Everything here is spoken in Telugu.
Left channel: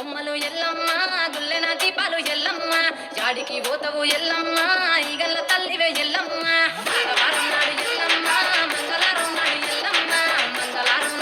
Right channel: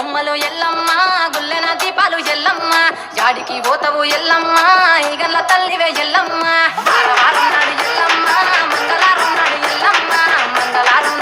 బొమ్మలు ఎల్లమ్మ గుల్లెన దీపాలు ఎల్లమ్మ జాడికి పోతవు ఎల్లమ్మ ఈగల్ల తల్లివే ఎల్లమ్మ వారం వారం నాడు ఎల్లమ్మ మంగళారం నాడు ఎల్లమ్మ మంగళారం